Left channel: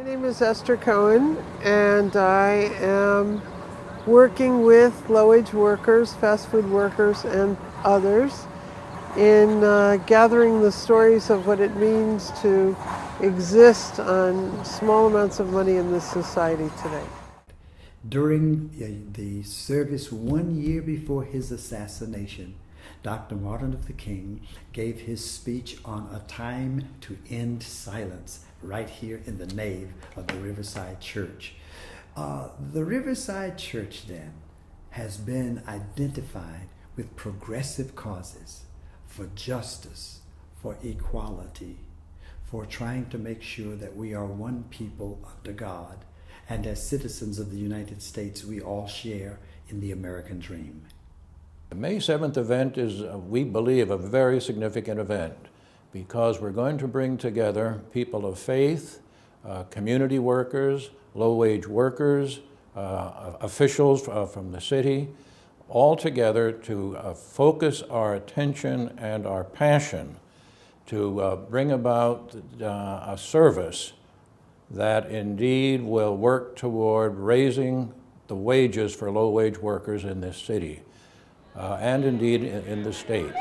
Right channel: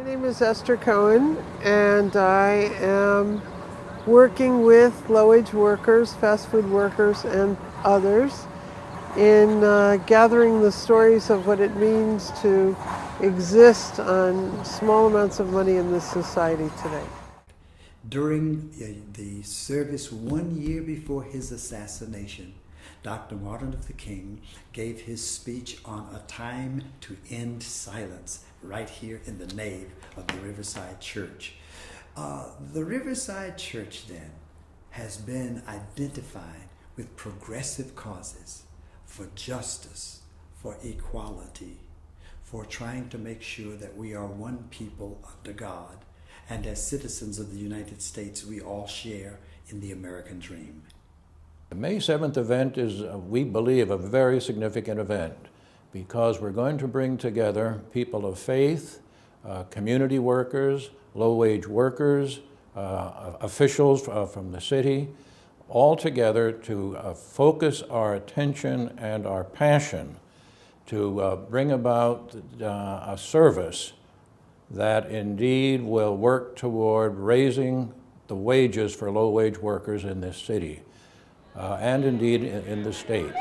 My name is Esther Cohen, and I am working with low-wage workers, fast food workers, and others in gathering the stories of what it means to exist on small amounts of money in this society today. During the service 1 year before his assassination, Dr. Martin Luther King gave his speech on a time to end silence right here in the nave of the Riverside Church. The Riverside Church then has been identified with progressive causes for justice, for equality, for trying to make sure that we are one people under God, and as citizens of the United States, we all share in the American dream. The May 7th event is, we believe, a very significant event because we're going to bring together people of faith, community workers, low-wage workers, officials from the city, all together to focus our attention and our passion to bring about a service that indeed will work toward raising the wages for low-wage workers in this city, and indeed in the state.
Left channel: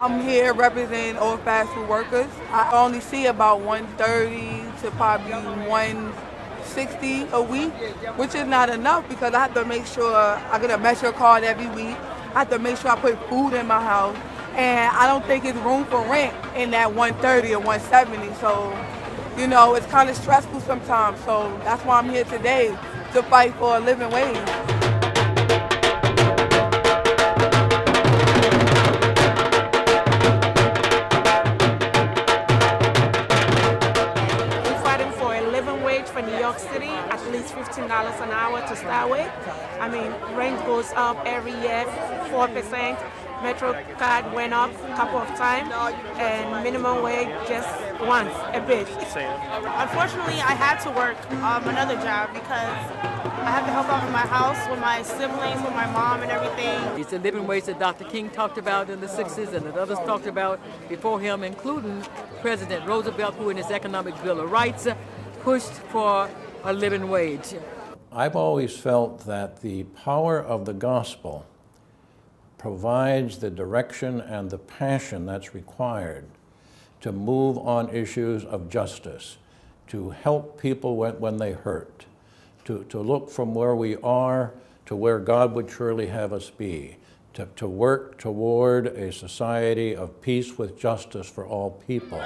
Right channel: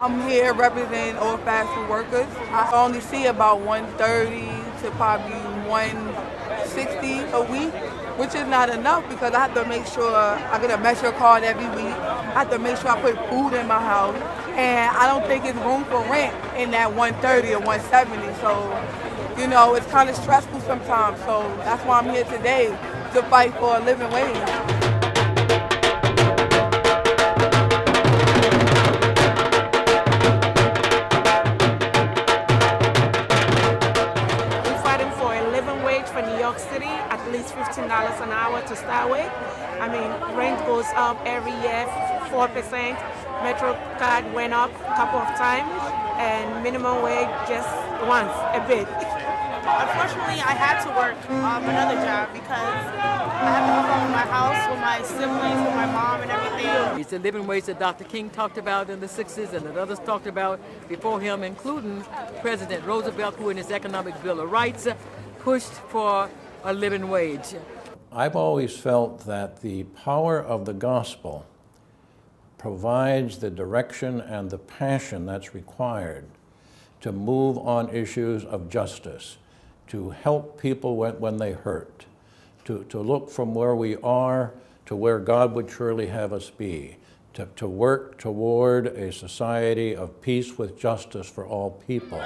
I'm here representing all fast food workers. I only see about 130 to probably 160 a week, which is not enough because I have to make sure I get a Metro card every week. I have to make sure I put food in my house, and I don't think it's room for rent in that 130 or 170. So, you know, it's kind of stressful sometimes. So that's why I'm here today, to fight for a living wage. For New York City, at least $15 an hour to start with. I mean, rent goes up every year, 4%. Metro card went up a couple of times, and minimum wage just once, a bit. Unfortunately, I had to work another job because I have to help out with my house, with my siblings, with my mom and everything. It's the living wage that Dr. King talked about in the 60s and that others talked about before him, including President Roosevelt, who in his Economic Bill of Rights pushed for a living wage. I've always felt that the power of the gospel provides the direction and the passion that's required to move on issues of justice, to help people when they hurt, to look from where we are to where God would surely have us be, to work toward a society of peace with justice for all people.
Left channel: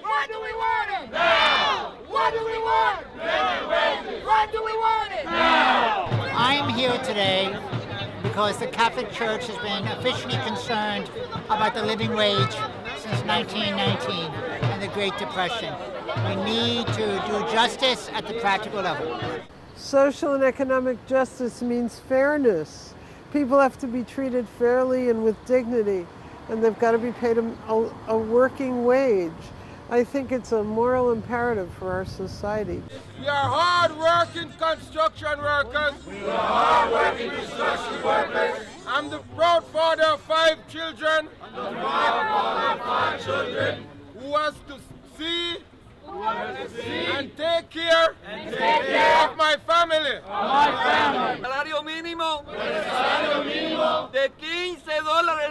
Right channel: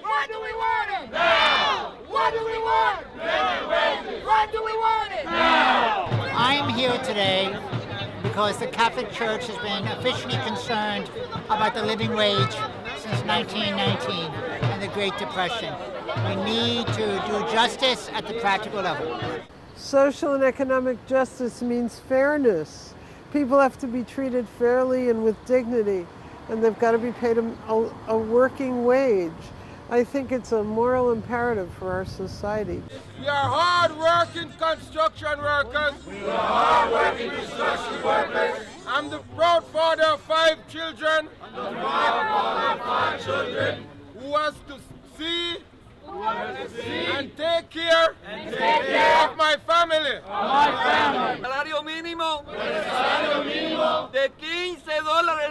What do we want it? Now! What do we want? Living wages! What do we want it? Now! I'm here today because the Catholic Church has been officially concerned about the living wage since 1919 and the Great Depression. We need to do justice at the practical level. Social and economic justice means fairness. People have to be treated fairly and with dignity, and they've got to be paid a working wage. I think it's a moral imperative for our society. We are hard-working construction workers. We are hard-working construction workers. I'm the proud father of 5 children. I'm the proud father of 5 children. Who has to see and take care of my family. Salario mínimo de $15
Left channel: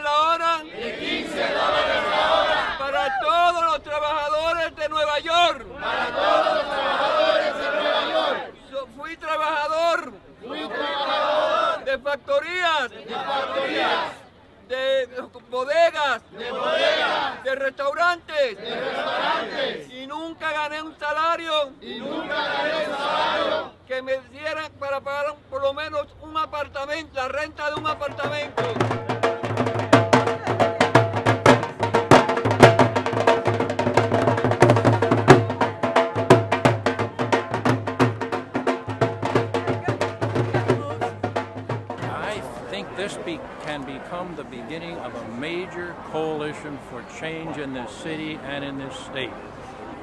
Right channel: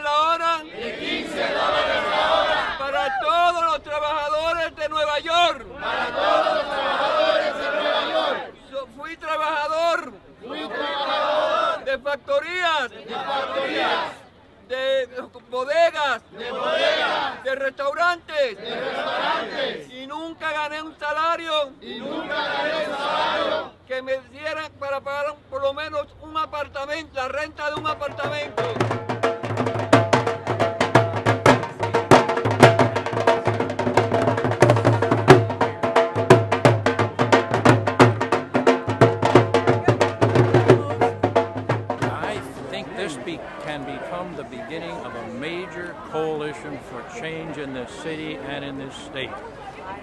la hora. De $15 la hora. Para todos los trabajadores de Nueva York. Para todos los trabajadores de Nueva York. Fui trabajador. De factorías. De bodegas. De restaurantes. Y nunca gané un salario. Que me dieran para pagar por lo menos un apartamento, la renta de un apartamento. This can become the beginning of a major coalition for change in this city and in this state.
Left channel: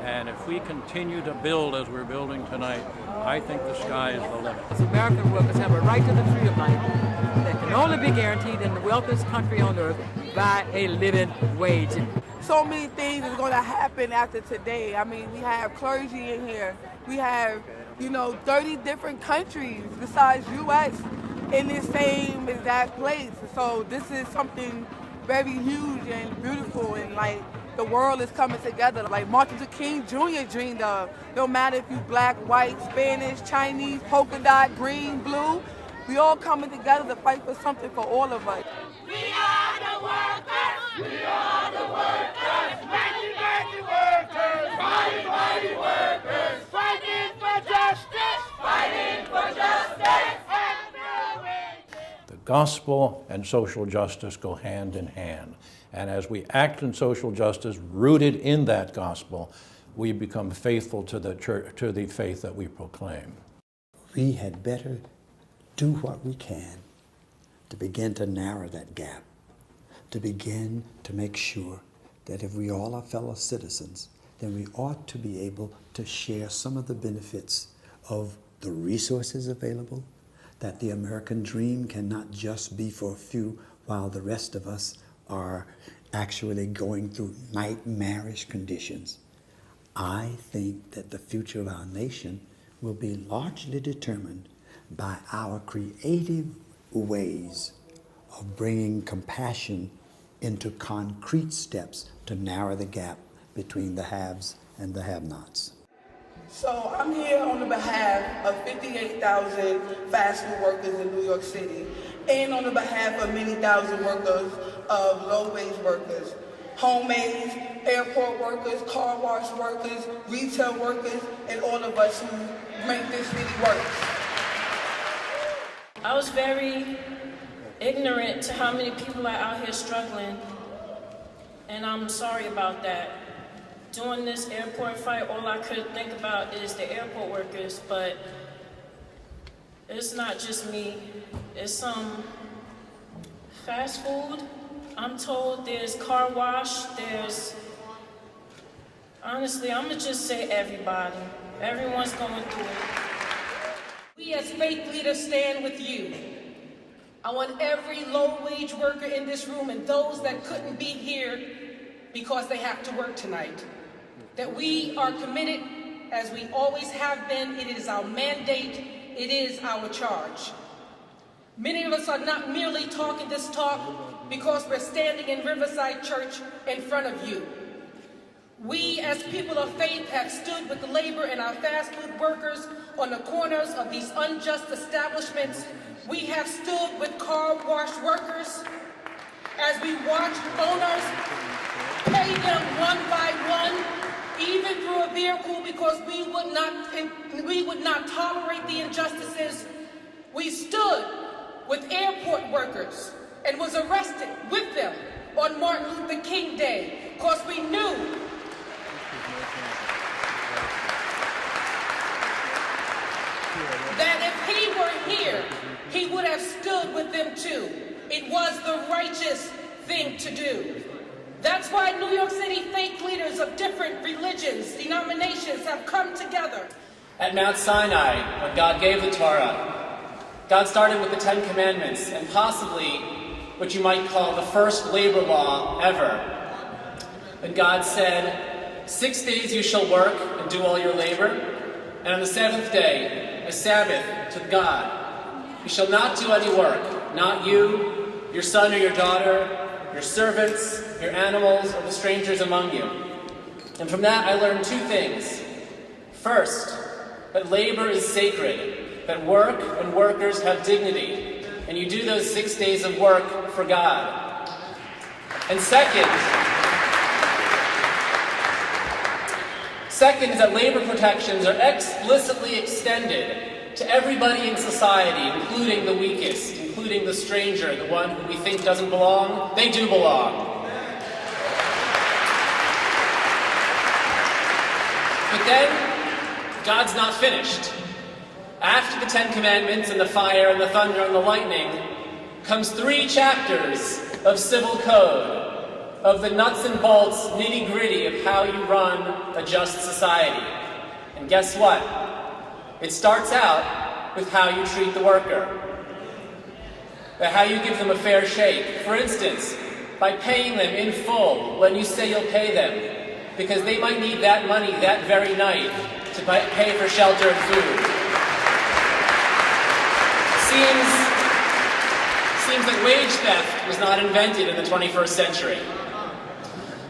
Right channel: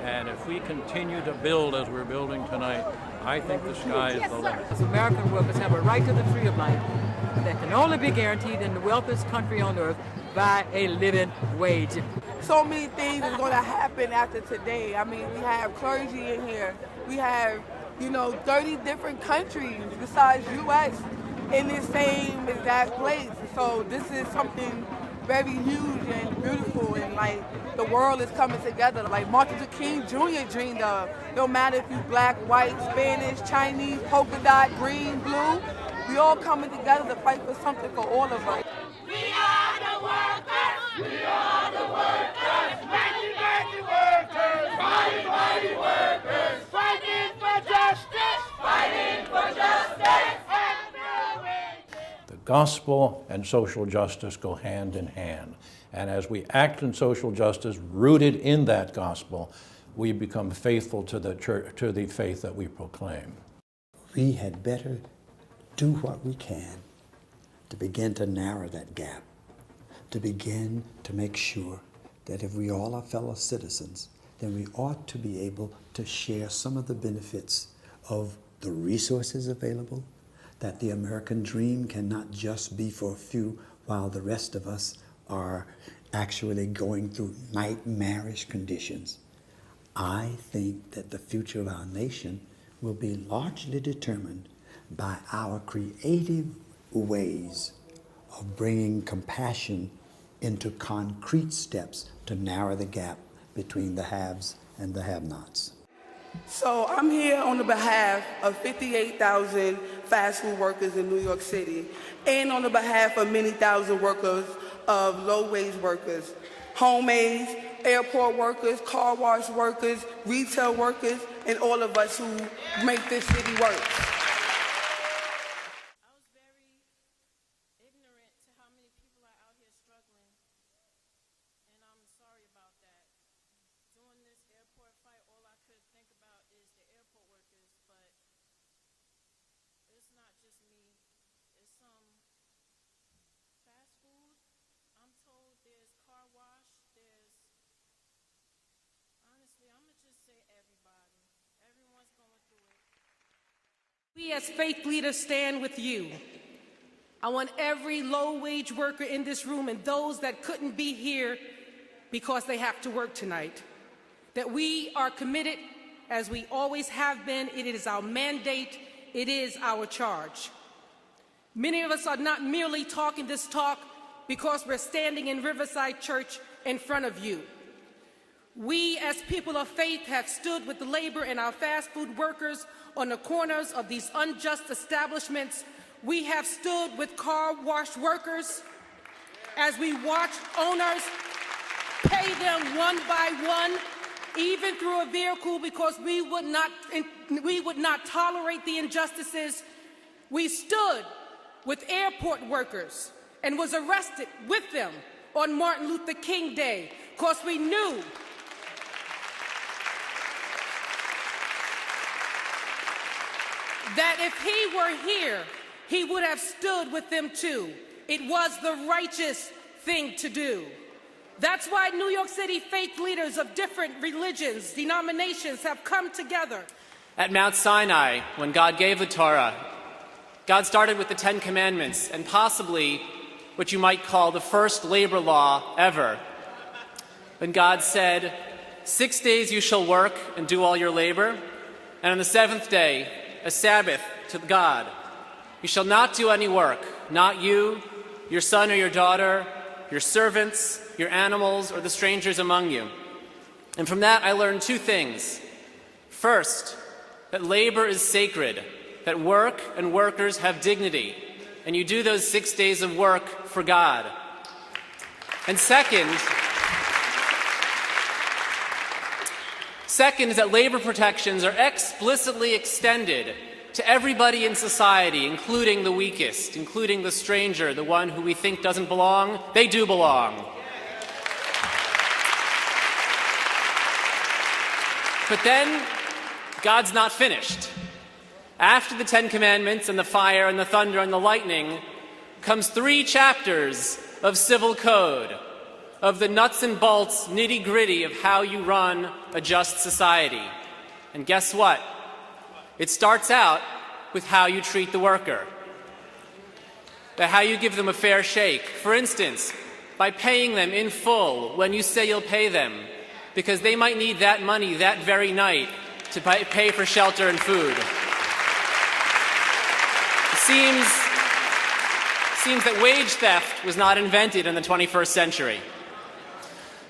And if we continue to build as we're building tonight, I think the sky is the limit. As American workers have a right to the tree of life that can only be guaranteed in the wealthiest country on earth by a living wage. so many things is going to happen after today. I mean, we have clergy in here. We have, 30 different countries besides U.S. in this same exact place. So this is something very huge and beautiful, and like the world is coming together. Like Martin Luther King Jr. dreamed of. No matter if you black, white, Spanish, Chinese, polka dot, green, blue, we all coming together to fight for something for all of us. We are the workers! We are the workers! Mighty workers! Mighty workers! Fighting for justice! Fighting for justice! The gospel and social justice go hand in hand. And as we act in social justice rooted in that gospel, we become faithful to the church, to the faith that we proclaim. We had better do what we can to begin to narrow that gap, to begin to make sure that if we all are fellow citizens, then we ought to be able to share some of the benefits of the resources available, that the American dream cannot just be for a few while the rest of us are actually going through nightmarish conditions. I think that the future of our nation will be largely determined by our creative ways of bringing compassion into concrete steps to narrow the gap between the haves and the have-nots. So I'm here on the behalf of 58,000 fast food workers in New York City, and on the behalf of many thousand workers of low-wage workers, homemaids, airport workers, car wash workers, retail workers, and all of us who make this city work. I was very ignorant to how many people are out here struggling, and I'm sorry about that. During this airport fight, all I could think about is the airport workers, but it's not just me. It's some fast food. I'm told there's car wash, there's, honestly, I'm gonna just say everybody. Everyone's going through it. We as faith leaders stand with you. I want every low-wage worker in this room and those that couldn't be here because they have to work tonight, that we are committed, as we always have been. It is our mandate, it is our charge. Many of us are not merely talking this talk because we're standing in Riverside Church in front of you. We, as people of faith, have stood with the labor and our fast food workers on the corners of these unjust establishments. We have stood with car wash workers as we watch owners pay them one by one, even through a vehicle, because we would not tolerate the injustices. We stood with airport workers and was arrested with them on Martin Luther King Day, because we knew that if he were here, he would have stood with them too. It was the righteous thing to do. That's why New York City faith leaders of different religions, denominations have come together. At Mount Sinai, when God gave the Torah, God started with the 10 Commandments and possibly what you might call the first labor law ever. When God said, 6 days you shall work and do all your labor, and on the 7th day, a Sabbath to God. You shall not do any work, not you, your son or your daughter, your servants, your animals, or the strangers among you. And from that I learned two things. First, that labor is sacred, that work and workers have dignity, and you do those 6 days of work for God. And second, that labor protections are explicitly extended to everybody in society, including the weakest, including the stranger, the one who we think doesn't belong. They do belong. But then, God's not finished. After the 10 Commandments and the fire and the thunder and the lightning comes 3 chapters of civil code, of the nuts and bolts, nitty-gritty of how you run a just society. And guess what? It starts out with how you treat the worker. That how you give them a fair shake. For instance, by paying them in full when you say you'll pay them, because they might need that money that very night to pay for shelter and food. Seems that wage theft was not invented in the 21st century.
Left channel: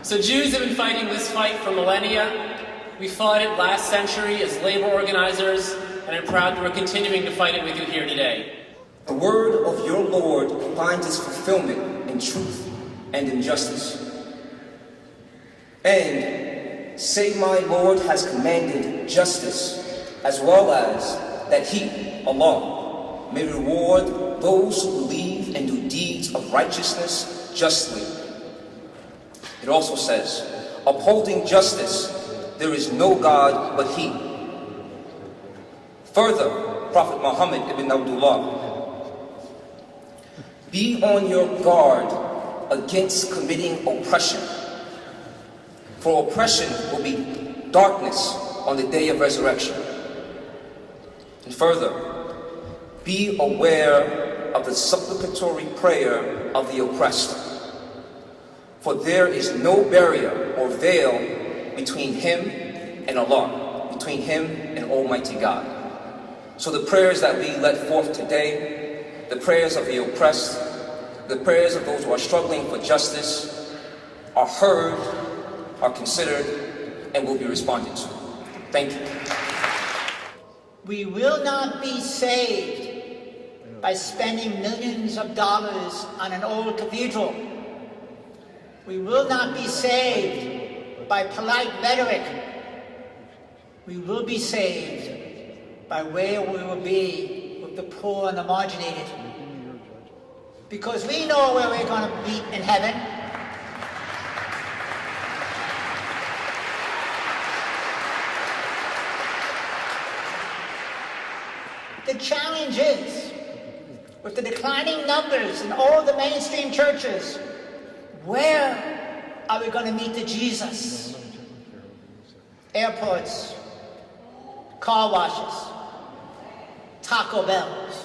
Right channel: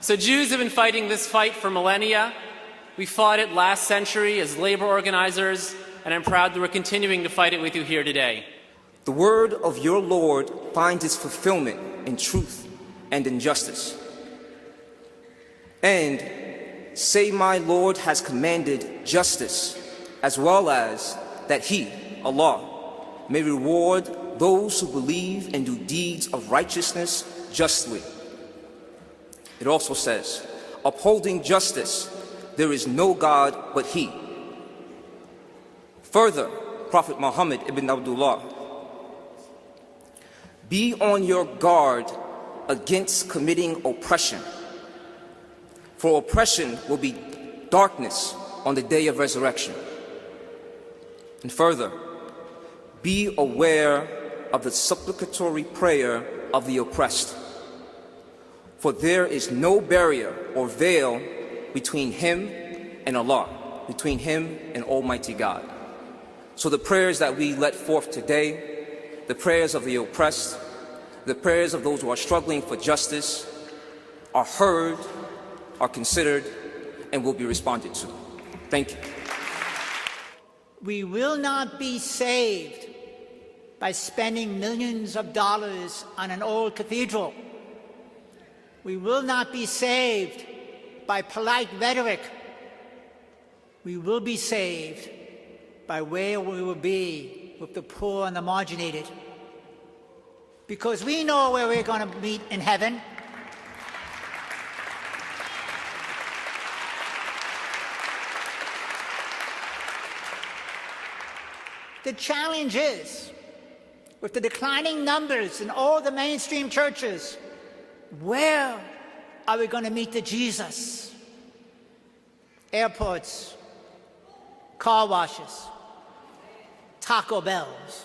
So Jews have been fighting this fight for millennia. We fought it last century as labor organizers, and I'm proud that we're continuing to fight it with you here today. The word of your Lord finds its fulfillment in truth and in justice. And say my Lord has commanded justice, as well as that he, Allah, may reward those who believe and do deeds of righteousness justly. It also says, upholding justice, there is no God but he. Further, Prophet Muhammad ibn Abdullah, be on your guard against committing oppression, for oppression will be darkness on the day of resurrection. And further, be aware of the supplicatory prayer of the oppressed, for there is no barrier or veil between him and Allah, between him and Almighty God. So the prayers that we let forth today, the prayers of the oppressed, the prayers of those who are struggling for justice, are heard, are considered, and will be responded to. Thank you. We will not be saved by spending millions of dollars on an old cathedral. We will not be saved by polite rhetoric. We will be saved by where we will be with the poor and the marginated. Because we know where we're going to meet in heaven. The challenge is, with the declining numbers in all the mainstream churches, where are we going to meet the Jesus? Airports, car washes, Taco Bells.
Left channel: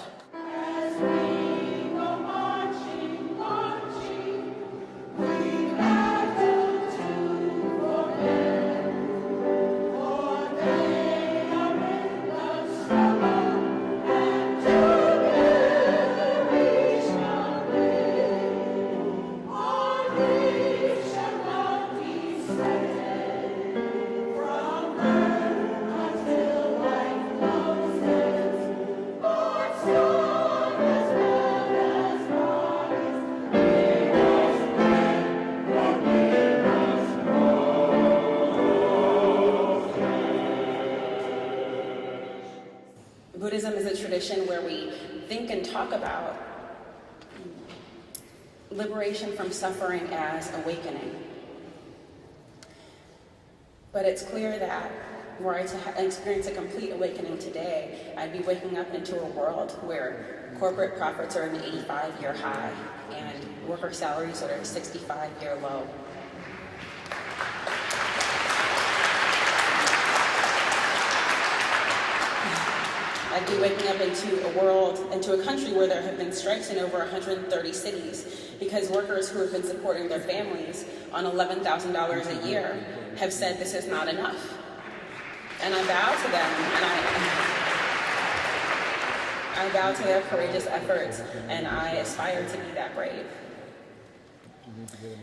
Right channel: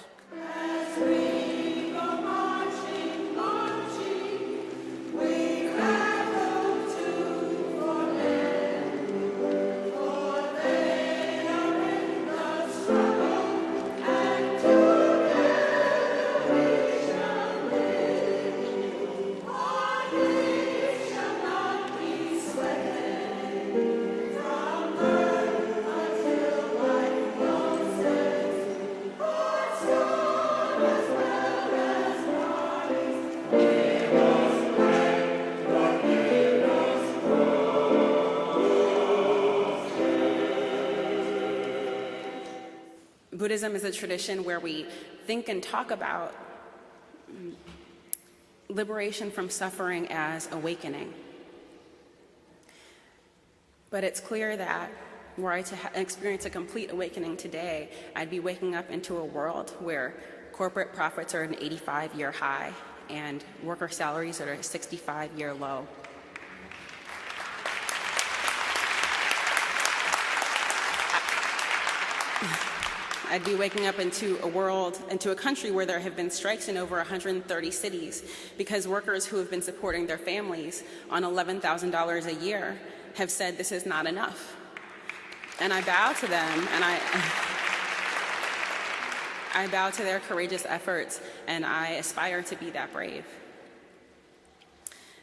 Buddhism is a tradition where we think and talk about liberation from suffering as awakening. But it's clear that were I to experience a complete awakening today, I'd be waking up into a world where corporate profits are at an 85-year high and worker salaries are at a 65-year low. I'd be waking up into a country where there have been strikes in over 130 cities because workers who have been supporting their families on $11,000 a year have said this is not enough. And I bow to them, and I bow to their courageous efforts, and I aspire to be that brave.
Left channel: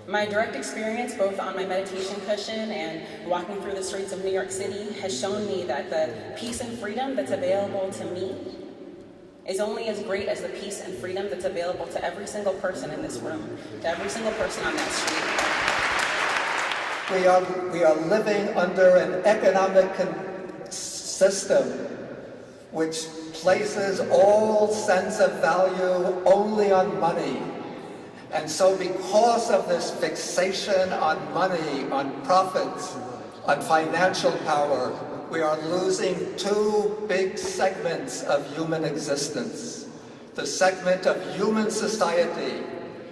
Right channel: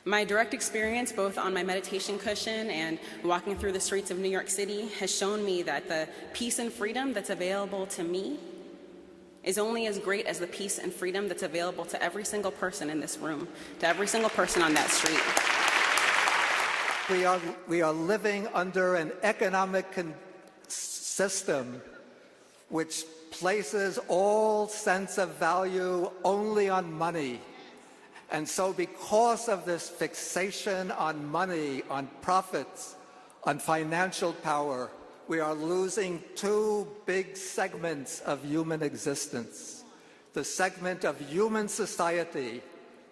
My direct experience, both on my meditation cushion and walking through the streets of New York City, has shown me that the peace and freedom that's available to me is only as great as the peace and freedom that's available to every single person in this room, to every single person on that street. We are living under an economic system which places all sense of value only on money. And so because of this fixation on money, on profits, on financial power, we are losing two big segments of human existence. The segment of human society,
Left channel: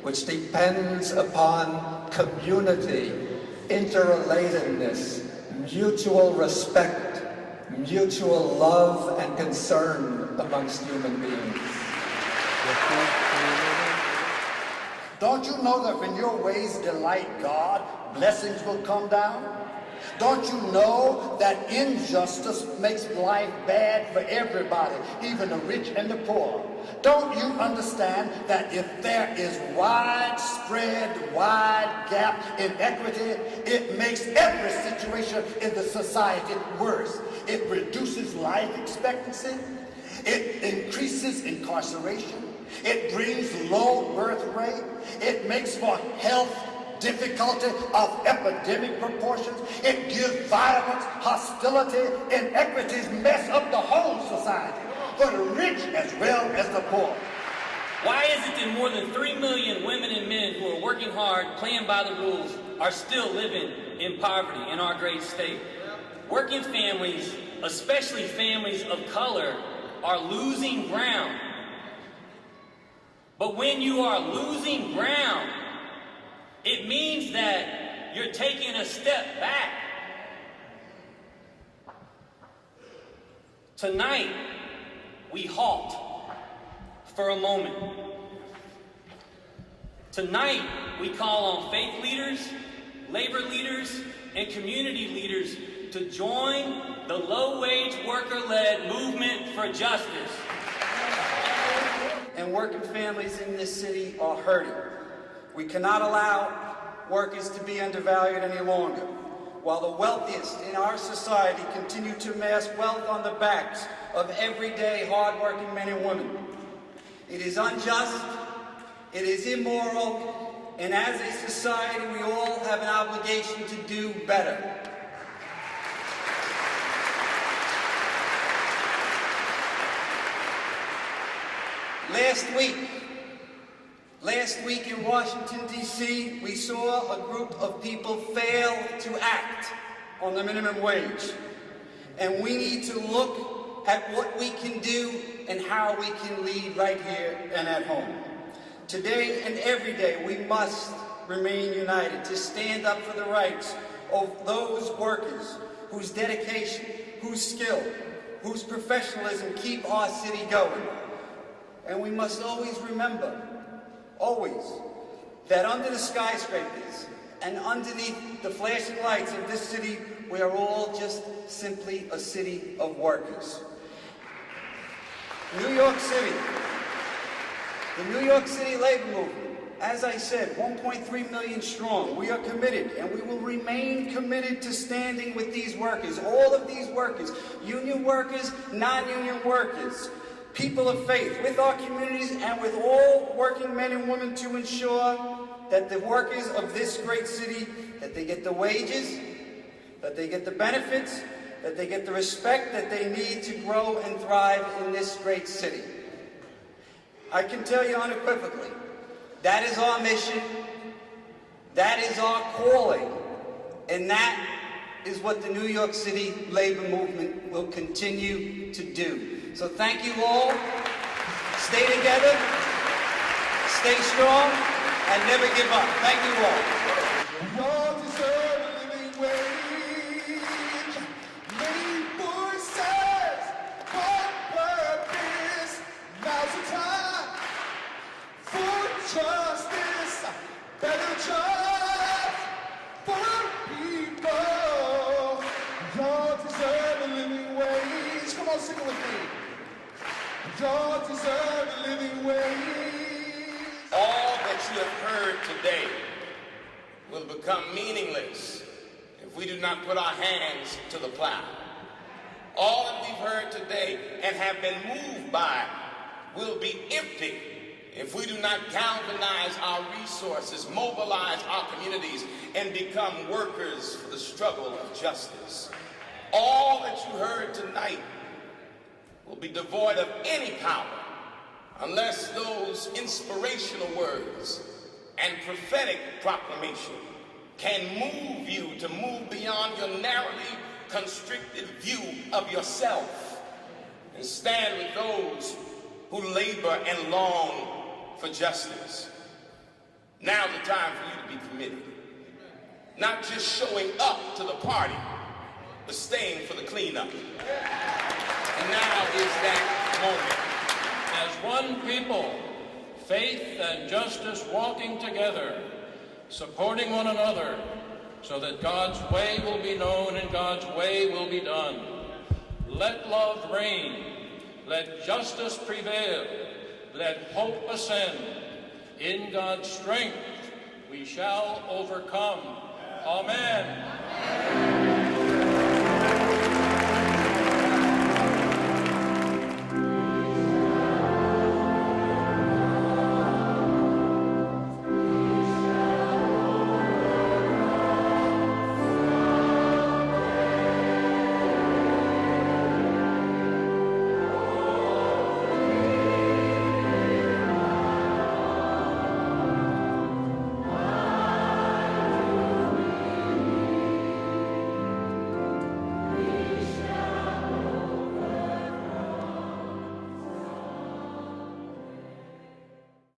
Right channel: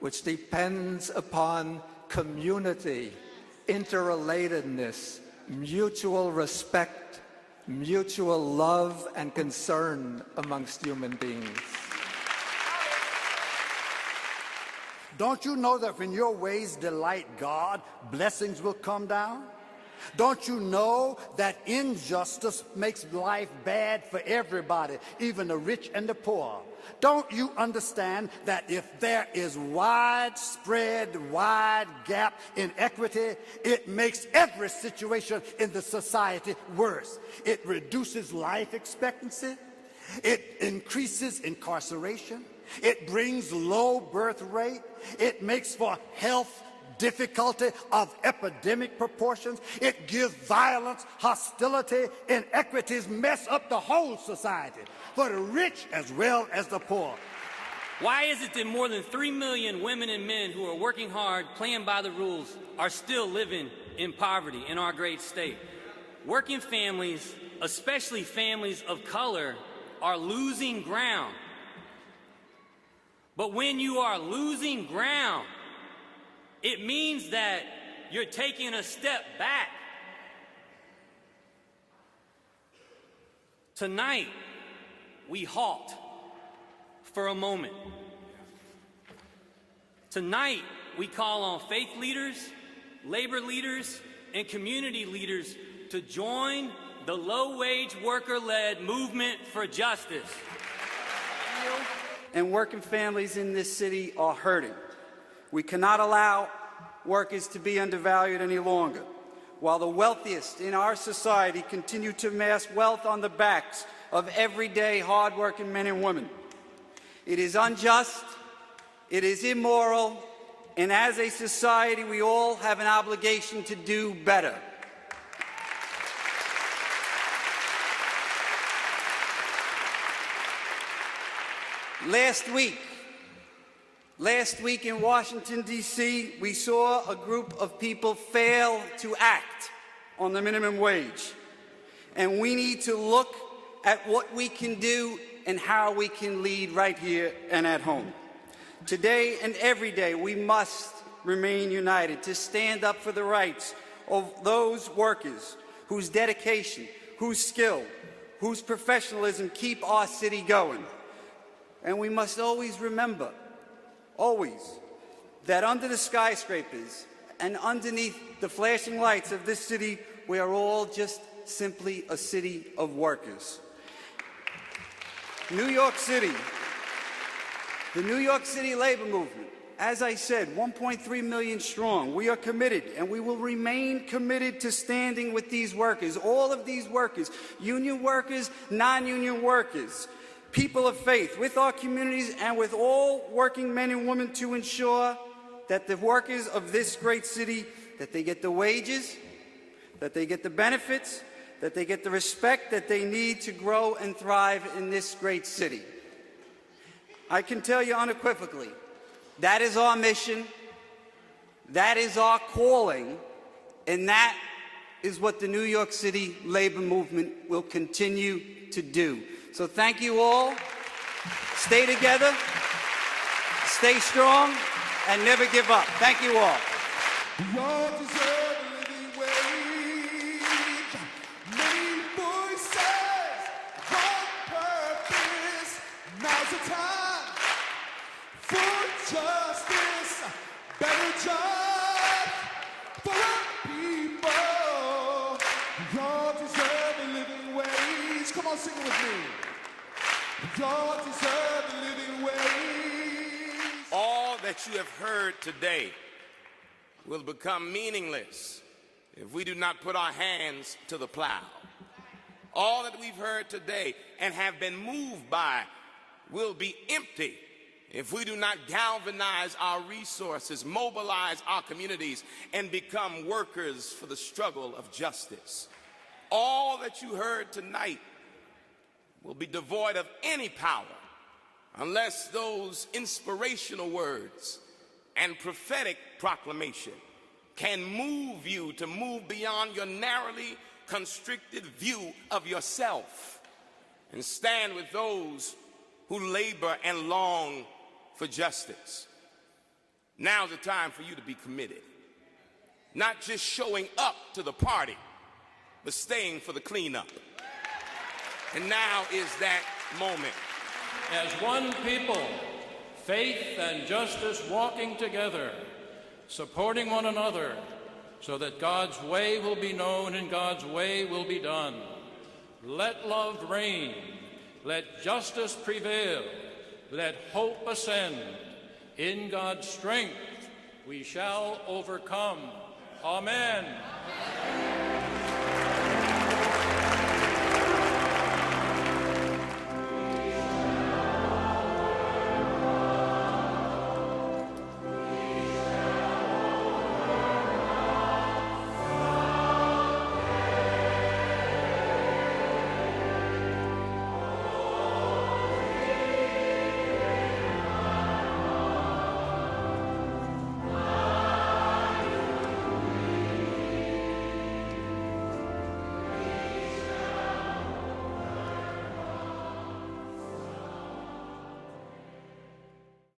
which depends upon community, interrelatedness, mutual respect, mutual love and concern amongst human beings. Don't you know that when your ways delight God, blessings will come down? Don't you know that injustice makes life bad for everybody, even the rich and the poor? Don't you understand that if there is widespread, wide gap in equity, it makes every situation in the society worse? It reduces life expectancy. It increases incarceration. It brings low birth rate. It makes for health difficulty of epidemic proportions. It gives violence, hostility, inequities, mess up the whole society, for the rich as well as the poor. Why is it that more than 3 million women and men who are working hard, playing by the rules, are still living in poverty in our great state? Working families, especially families of color, are losing ground. But when you are losing ground, it means that you're taking a step back. Tonight, we halt for a moment. Tonight, we call on faith leaders, labor leaders, and community leaders to join the low-wage worker-led movement for justice. And working families in this city are hurting. We cannot allow workers to be undervalued any longer. While the wealthiest in our society continue to amass wealth on the backs of everyday hard-working men and women. It is unjust, it is immoral, and as a society we all have an obligation to do better. Last week in Washington, D.C., we saw a group of people fail to act on the minimum wage. And we need to look at what we can do and how we can lead right here and at home. Today and every day, we must remain united to stand up for the rights of those workers whose dedication, whose skill, whose professionalism keep our city going. And we must always remember, that under the skyscrapers and underneath the flashing lights of this city, we are all just simply a city of workers. New York City, the New York City labor movement, as I said, 1.3 million strong. We are committed, and we will remain committed to standing with these workers, all of these workers, union workers, non-union workers, people of faith, with our communities and with all working men and women to ensure that the workers of this great city, that they get the wages, that they get the benefits, that they get the respect that they need to grow and thrive in this great city. I can tell you unequivocally, that is our mission, that is our calling, and that is what the New York City labor movement will continue to do. So thank you all. Stay together, stay strong, and never give up. Thank you all. We all deserve a living wage. Many voices, hard purpose. Now's the time for justice, better jobs for our people. We all deserve a living wage. Come on, sing it with me. We all deserve a living wage. All that you have heard today will become meaningless if we do not put our hands to the plow. All that we've heard today and have been moved by will be empty if we do not galvanize our resources, mobilize our communities, and become workers for the struggle of justice. All that you heard tonight will be devoid of any power unless those inspirational words and prophetic proclamation can move you to move beyond your narrowly constricted view of yourself and stand with those who labor and long for justice. Now's the time for you to be committed. Not just showing up to the party, but staying for the cleanup. And now is that moment. As one people faith and justice walking together, supporting one another, so that God's way will be known and God's way will be done. Let love reign, let justice prevail, let hope ascend. In God's strength we shall overcome. Amen.